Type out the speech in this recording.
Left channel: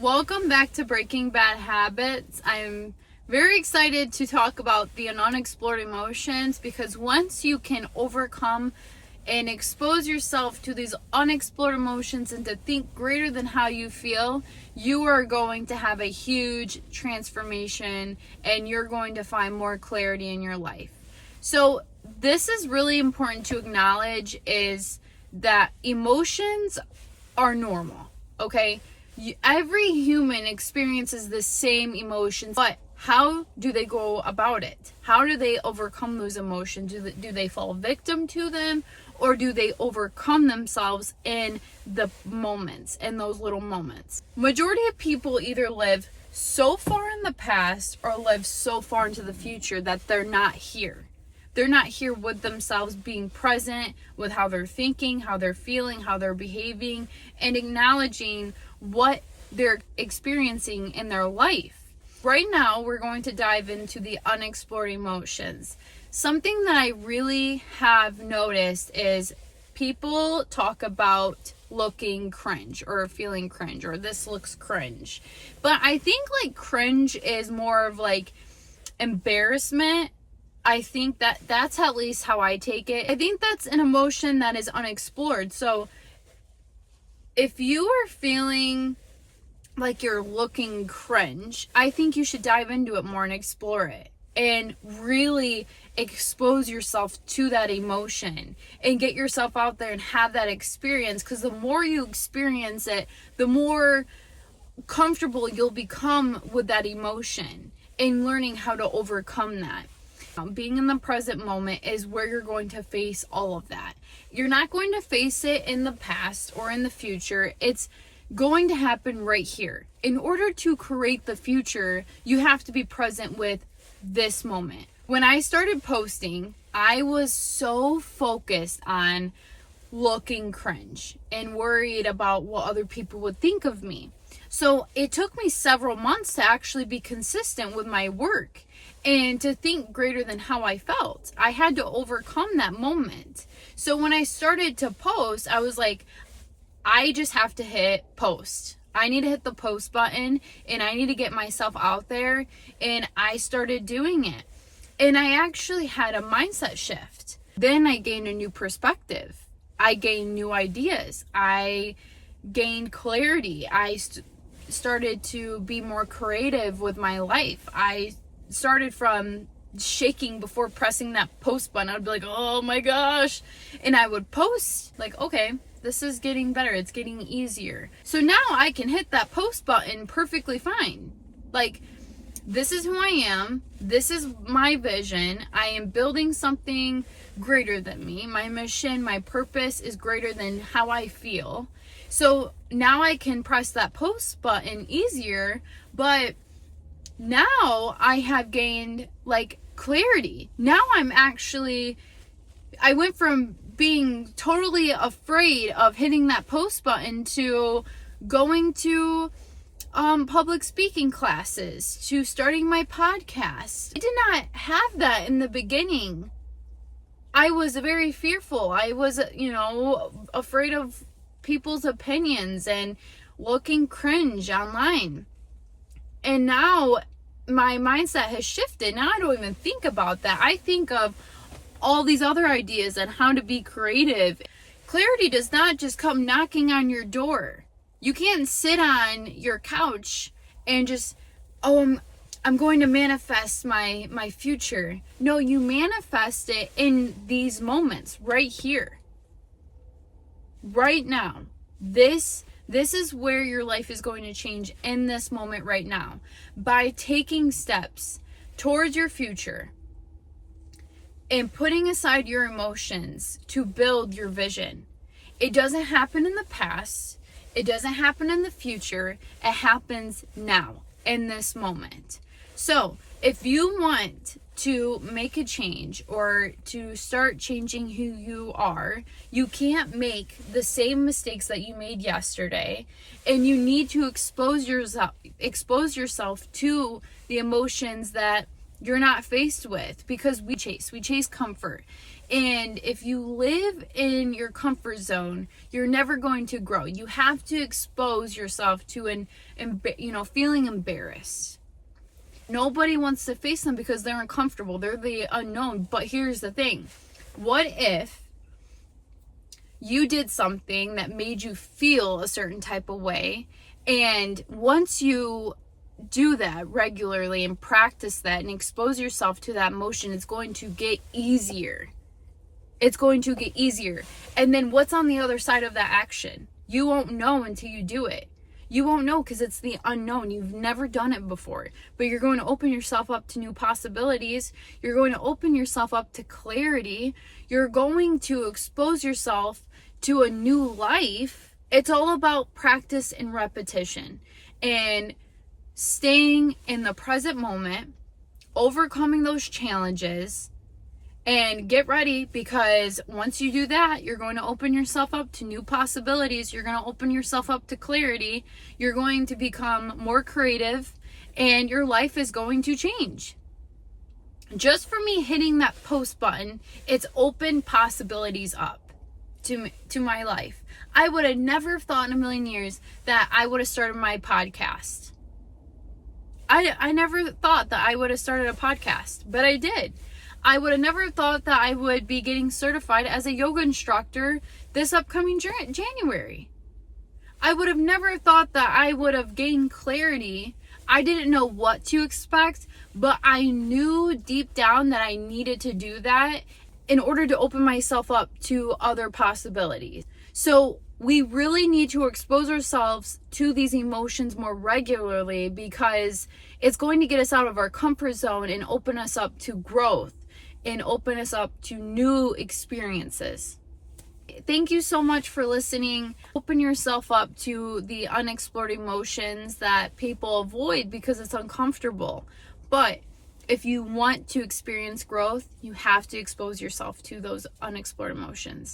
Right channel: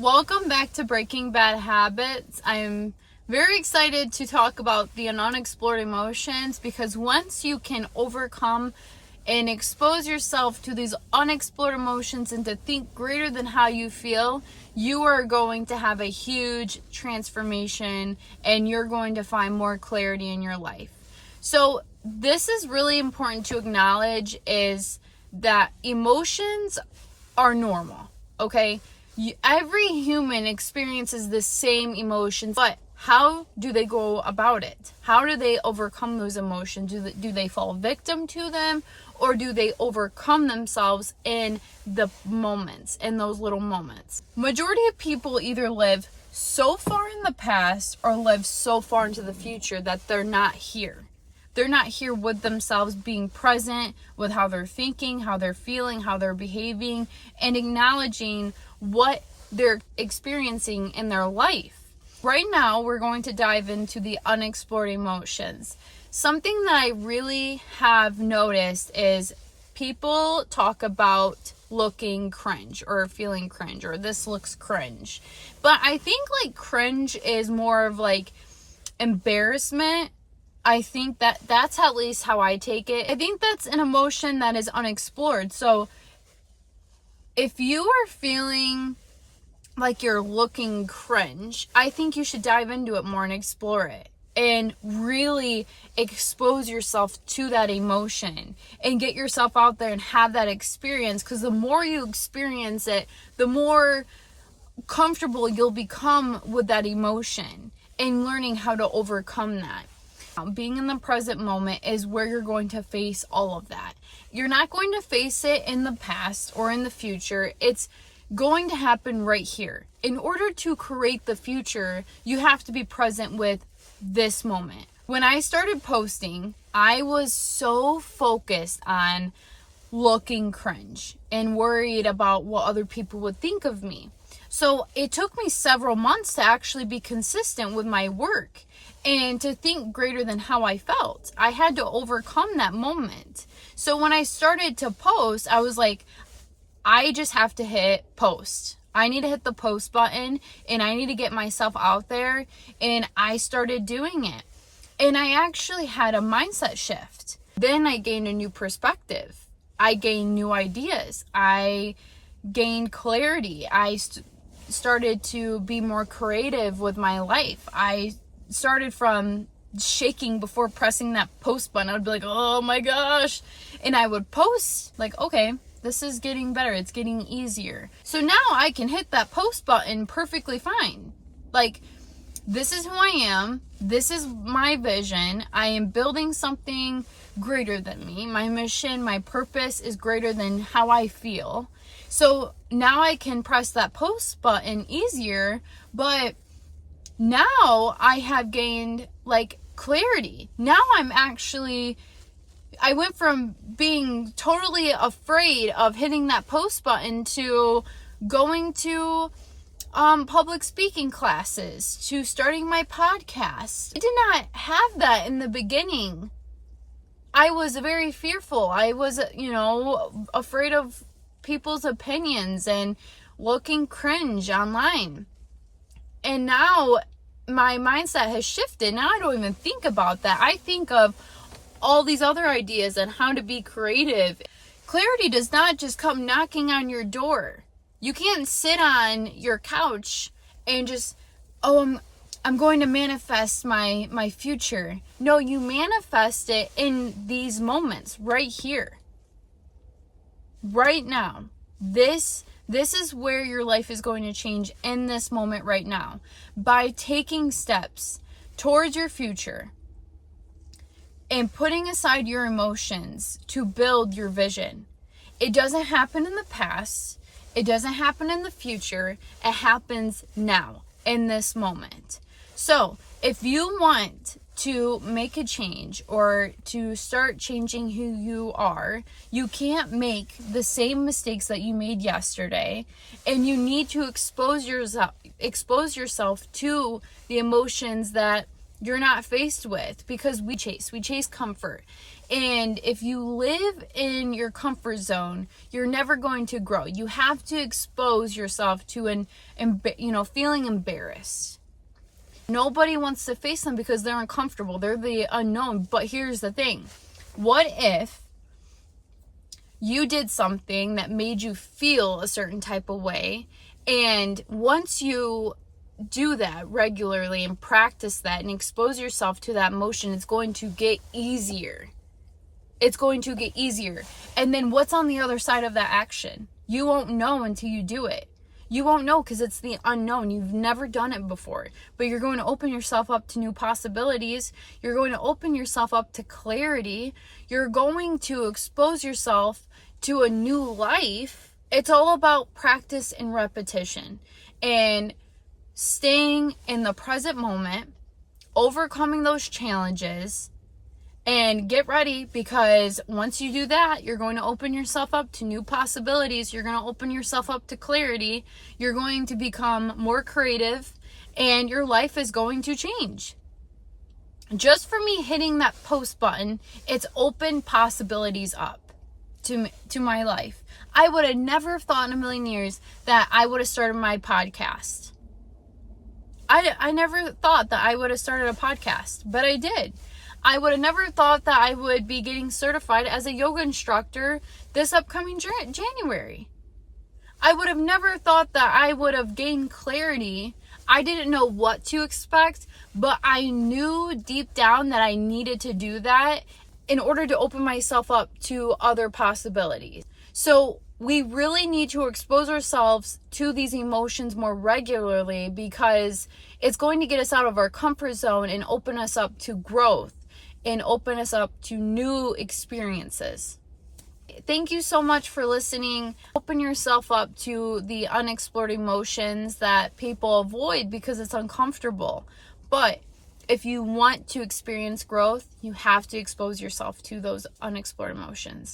Welcome back to Breaking Bad Habits. I'm very excited to talk about the unexplored emotions because once you can overcome and expose yourself to these unexplored emotions and to think greater than how you feel, you are going to have a huge transformation and you're going to find more clarity in your life. So this is really important to acknowledge, is that emotions are normal, okay? Every human experiences the same emotions, but how do they go about it? How do they overcome those emotions? Do they fall victim to them, or do they overcome themselves in the moments, in those little moments? Majority of people either live so far in the past or live so far into the future that they're not here. They're not here with themselves, being present with how they're thinking, how they're feeling, how they're behaving, and acknowledging what they're experiencing in their life. Right now, we're going to dive into the unexplored emotions. Something that I really have noticed is people talk about looking cringe or feeling cringe, or this looks cringe. But I think cringe is more of embarrassment. I think that's at least how I take it. I think that's an emotion that is unexplored. So if you are feeling like you're looking cringe, I think you should dive into it more and explore it and really expose yourself to that emotion and get yourself out there and have that experience, because the more you experience it, the more comfortable you'll become with that emotion and learning how to overcome that. Being in the present moment is where you're going to face all of that. You're not going to face it in the past or in the future. It's going to happen right here. In order to create the future, you have to be present with this moment. When I started posting, I was so focused on looking cringe and worried about what other people would think of me. So it took me several months to actually be consistent with my work and to think greater than how I felt. I had to overcome that moment. So when I started to post, I was like, I just have to hit post. I need to hit the post button and I need to get myself out there. And I started doing it. And I actually had a mindset shift. Then I gained a new perspective. I gained new ideas. I gained clarity. I started to be more creative with my life. I started from shaking before pressing that post button. I would be like, oh my gosh. And I would post okay, this is getting better. It's getting easier. So now I can hit that post button perfectly fine. This is who I am. This is my vision. I am building something greater than me. My mission, my purpose is greater than how I feel. So now I can press that post button easier, but now I have gained clarity. Now I went from being totally afraid of hitting that post button to going to public speaking classes, to starting my podcast. I did not have that in the beginning. I was very fearful. I was, afraid of people's opinions and looking cringe online. And now my mindset has shifted. Now I don't even think about that. I think of all these other ideas on how to be creative. Clarity does not just come knocking on your door. You can't sit on your couch and just, I'm going to manifest my future. No, you manifest it in these moments right here. Right now. This is where your life is going to change, in this moment right now, by taking steps towards your future and putting aside your emotions to build your vision. It doesn't happen in the past. It doesn't happen in the future. It happens now, in this moment. So if you want to make a change or to start changing who you are, you can't make the same mistakes that you made yesterday, and you need to expose yourself to the emotions that you're not faced with, because we chase comfort. And if you live in your comfort zone, you're never going to grow. You have to expose yourself to feeling embarrassed. Nobody wants to face them because they're uncomfortable. They're the unknown. But here's the thing. What if you did something that made you feel a certain type of way, and once you do that regularly and practice that and expose yourself to that emotion, it's going to get easier. It's going to get easier. And then what's on the other side of that action? You won't know until you do it. You won't know because it's the unknown. You've never done it before. But you're going to open yourself up to new possibilities. You're going to open yourself up to clarity. You're going to expose yourself to a new life. It's all about practice and repetition. And staying in the present moment, overcoming those challenges, and get ready, because once you do that, you're going to open yourself up to new possibilities. You're going to open yourself up to clarity. You're going to become more creative, and your life is going to change. Just for me hitting that post button, it's opened possibilities up to my life. I would have never thought in a million years that I would have started my podcast. I never thought that I would have started a podcast, but I did. I would have never thought that I would be getting certified as a yoga instructor this upcoming January. I would have never thought that I would have gained clarity. I didn't know what to expect, but I knew deep down that I needed to do that in order to open myself up to other possibilities. So we really need to expose ourselves to these emotions more regularly, because it's going to get us out of our comfort zone and open us up to growth and open us up to new experiences. Thank you so much for listening. Open yourself up to the unexplored emotions that people avoid because it's uncomfortable. But if you want to experience growth, you have to expose yourself to those unexplored emotions.